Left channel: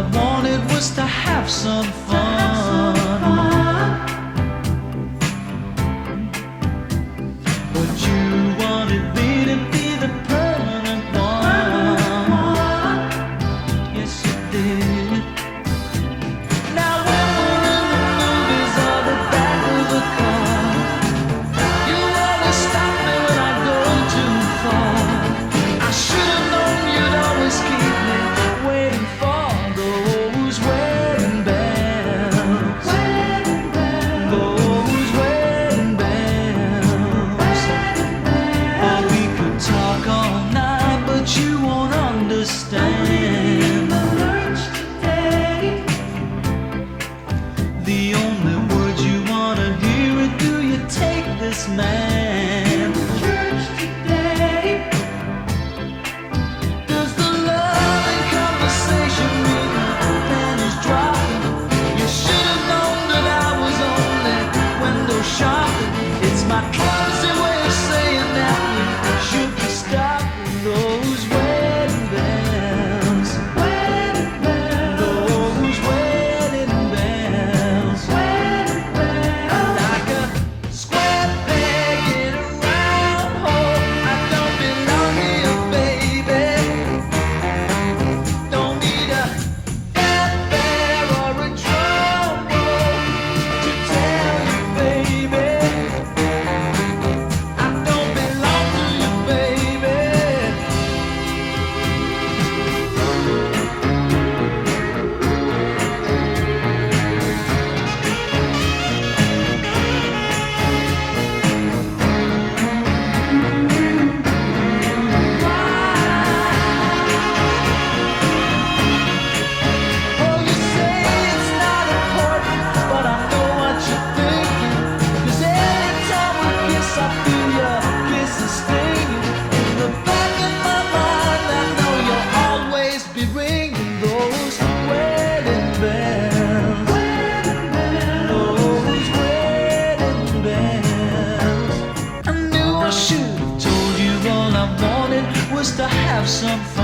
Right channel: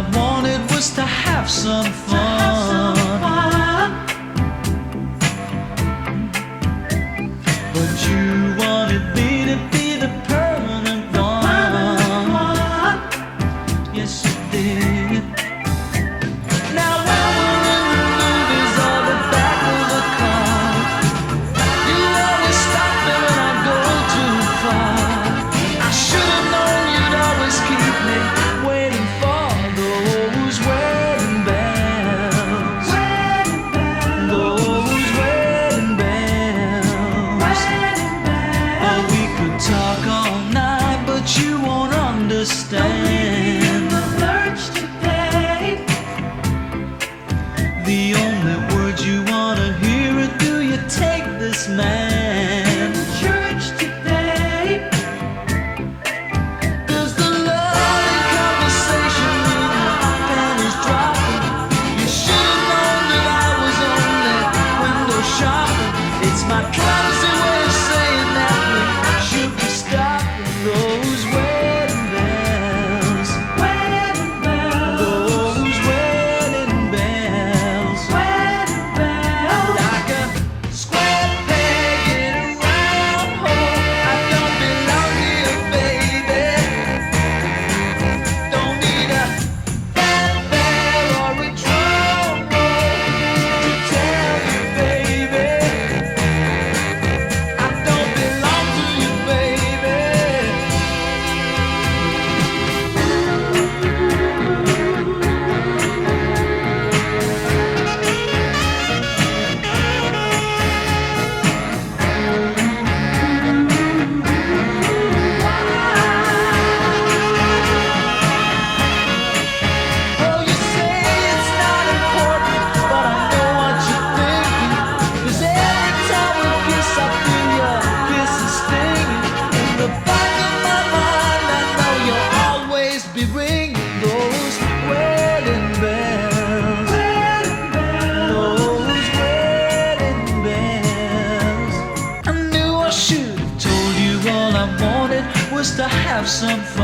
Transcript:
I wanted was to have some fun. But you wanted me to be the permanent one. Yes, you did. Now when we're in the movies or the back of the car, you always stop me when I go too far. I should have known you'd always keep me waiting for those wedding bells. Those wedding bells. Oh, we could talk all night, but you won't understand. The only words you wanna hear are, do you take this man? Church today. Does the love and conversation mean the pen is dropping? You should have known that I was only window shopping. It's my clumsy way of saying that we should be stopping those wedding bells. Those wedding bells. I'm like a square peg in a round hole. I don't belong here, baby. Don't need a fanfare or a drum roll to tell you, baby, I don't belong to you, baby. Oh, you say it's not important, but I know what you're thinking. 'Cause every time we kiss, I feel your kisses stinging. In the back of my mind, I know you'll always be ringing those wedding bells. Those wedding bells. I knew I should have told you all I wanted was to have some fun.